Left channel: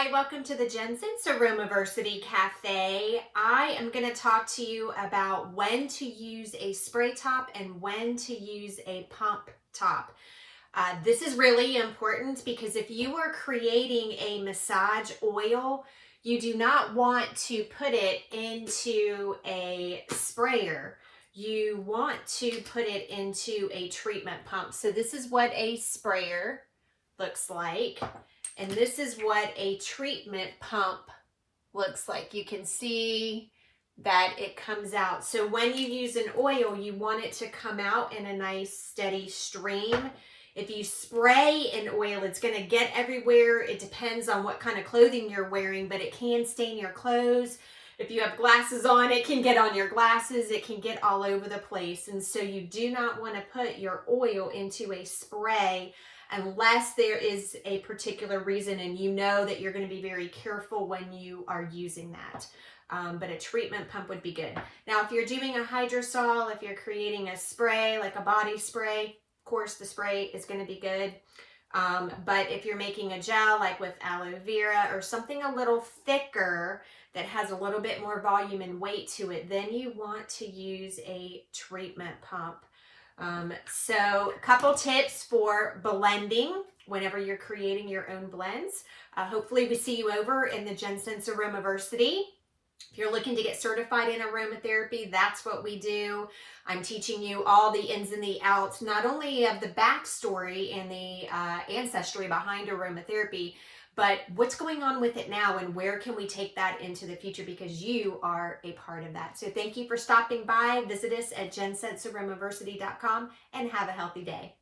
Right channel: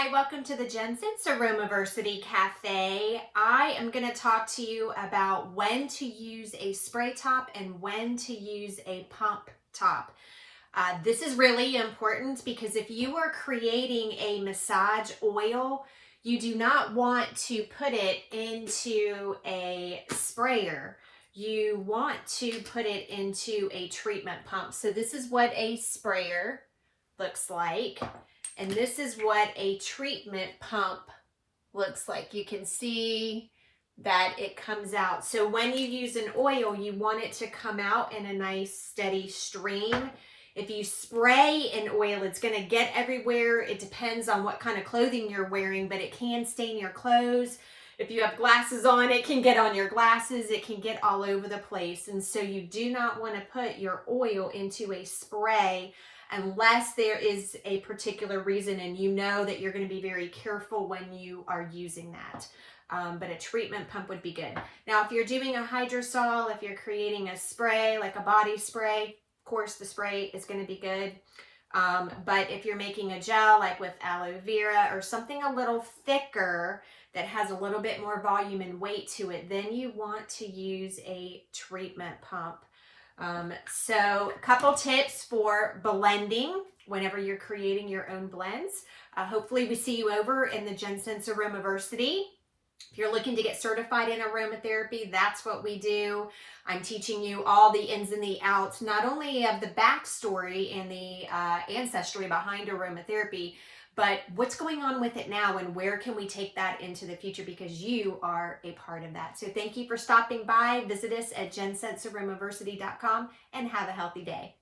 Hi, welcome to the JennScents Aromaversity Cafe. I am going to talk to you about when to use a spray top and when to use a pump top. This is really important because if you are creating a massage oil, you do not want to put it into a sprayer. You want to put it into a treatment pump. So this is what a sprayer looks like. And this is what a treatment pump looks like. You can see that it comes out. So when you use an oil, you want it to come out in a nice steady stream. If you spray an oil, it's going to get everywhere. It depends on what kind of clothing you're wearing, but it can stain your clothes. If you have glasses on, it can get on your glasses. It can get all over the place. And so you do not want to put your oil into a spray unless there is a particular reason and you know that you're going to be very careful when you are using that. But a treatment pump would be good. Now, if you're doing a hydrosol, if you're creating a spray, like a body spray, of course the spray is going to be good. But if you're making a gel, like with aloe vera or something a little thicker that has a little bit more volume and weight to it, then you want to use a treatment pump. So a couple tips for blending whenever you're creating your own blends. Hopefully we see you over in the JennScents Aromaversity. If you're looking to get certified in aromatherapy, that's what we do. I'm teaching you all the ins and the outs, not only of the backstory and the ancestry behind aromatherapy, but what's going on with it now and where can we take that into the future, because you are a part of that. So thank you for stopping by. Visit us at JennScentsAromaversity.com and have a healthy day.